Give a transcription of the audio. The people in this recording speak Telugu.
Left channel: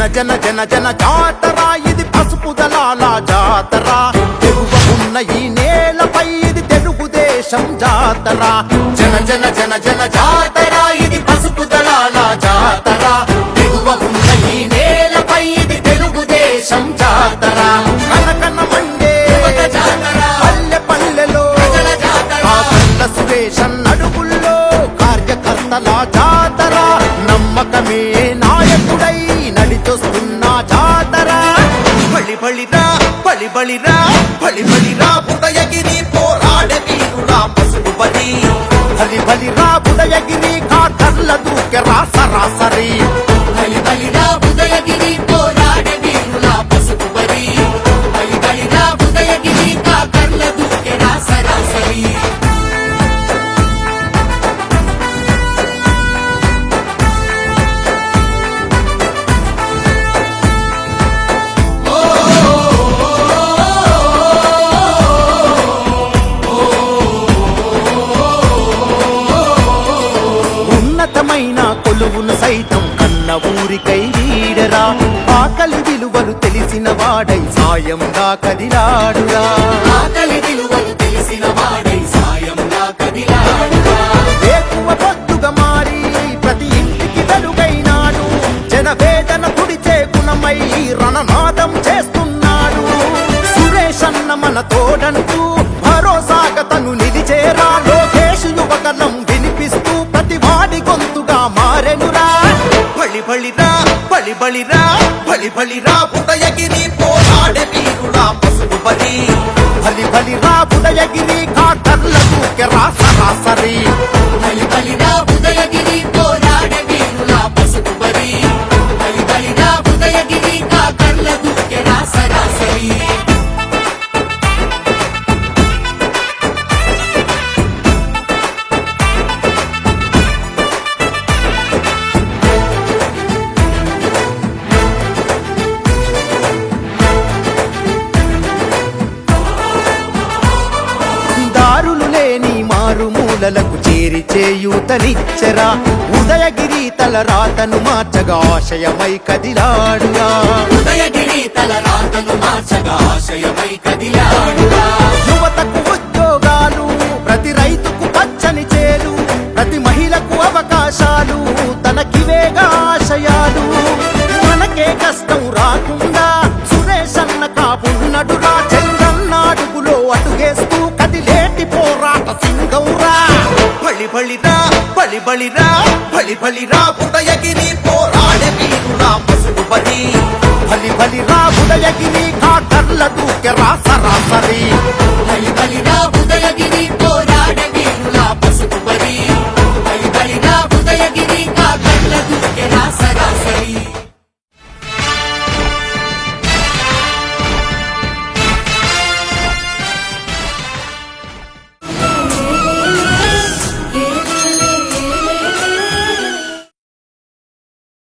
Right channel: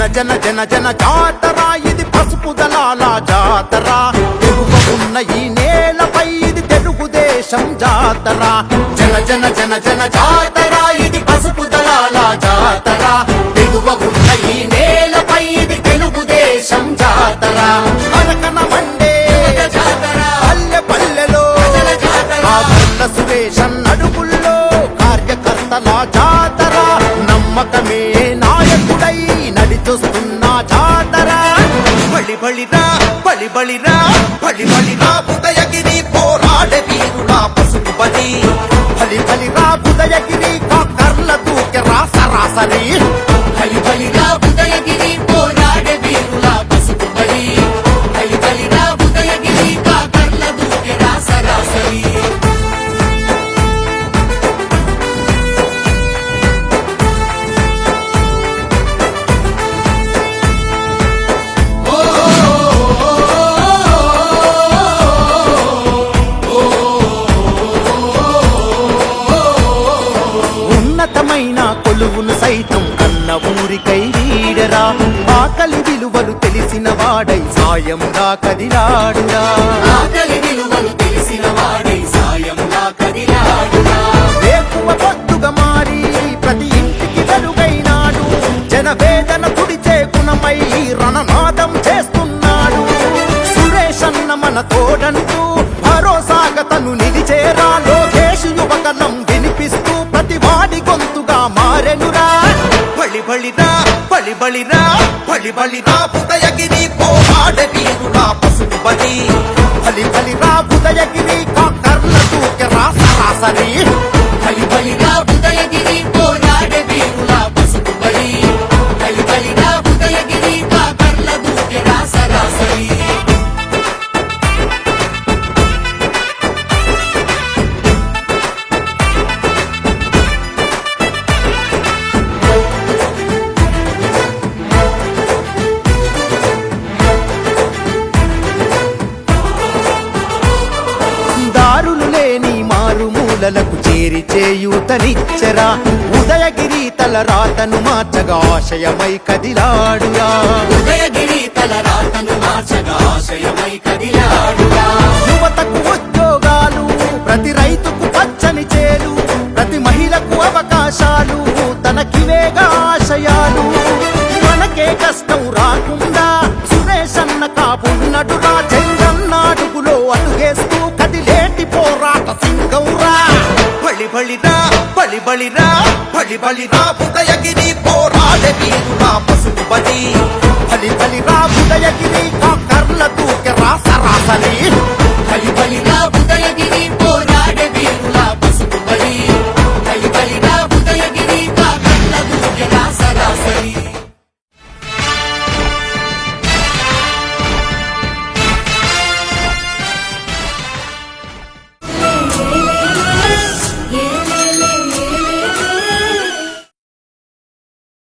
జన జన జన జన జాతర ఇది పసుపు దళాల జాతర తెగువ ఉన్న ఈ నేలపై ఇది తెలుగుదేశం జాతర జన జన జన జన జాతర ఇది పసుపు దళాల జాతర తెగువ ఉన్న ఈ నేలపై ఇది తెలుగుదేశం జాతర కనకన మండే పల్లె పల్లెలో ఆ బల్ల సురేశన్ అడుగుల్లో కార్యకర్తల జాతర నమ్మకమే నాయకుడై నడిచొస్తున్న జాతర బలి బలిరా బలి బలిరా బలి బలిరా ఉదయగిరి పోరాడే వీరుడా పసుపు బలి బలి బలిరా ఉదయగిరి కాకర్ల దూకెరా సరాసరి బలి బలిరా ఉదయగిరి పోరాడే వీరులా పసుపు బలి బలి బలిరా ఉదయగిరి కాకర్ల దూకెరా సరాసరి ఉన్నతమైన కొలువును సైతం కన్న ఊరికై వీడరా ఆకలి విలువలు తెలిసిన వాడై సాయంగా కదిలాడురా ఆకలి విలువలు తెలిసిన వాడై సాయంగా కదిలాడురా వేకువ పొద్దుగా మారి ప్రతి ఇంటికి వెలుగైనాడు జనవేదన తుడిచే గుణమై రణనాదం చేస్తున్నాడు సురేష్ అన్న మన తోడంటూ భరోసాగా తను నిలిచేరా లోకేష్ యువగలం వినిపిస్తూ ప్రతి వాడి గొంతుగా మారెనురా బలి బలిరా బలి బలిరా బలి బలిరా ఉదయగిరి పోరాడే వీరుడా పసుపు బలి బలి బలిరా ఉదయగిరి కాకర్ల దూకెరా సరాసరి బలి బలిరా ఉదయగిరి పోరాడే వీరులా పసుపు బలి బలి బలిరా ఉదయగిరి కాకర్ల దూకెరా సరాసరి దారులు లేని మారుమూలలకు చేరి చేయూతనిచ్చరా ఉదయగిరి తల రాతను మార్చగా ఆశయమై కదిలాడురా ఉదయగిరి తల రాతను మార్చగా ఆశయమై కదిలాడురా యువతకు ఉద్యోగాలు ప్రతి రైతుకు పచ్చని చేలు ప్రతి మహిళకు అవకాశాలు తనకివేగా ఆశయాలు మనకే కష్టం రాకుండా సురేష్ అన్న కాపున్నడురా చంద్రన్నాడుగులో అడుగేస్తూ కదిలేటి పోరాట సింగౌరా బలి బలిరా బలి బలిరా బలి బలిరా ఉదయగిరి పోరాడే వీరుడా పసుపు బలి బలి బలిరా ఉదయగిరి కాకర్ల దూకెరా సరాసరి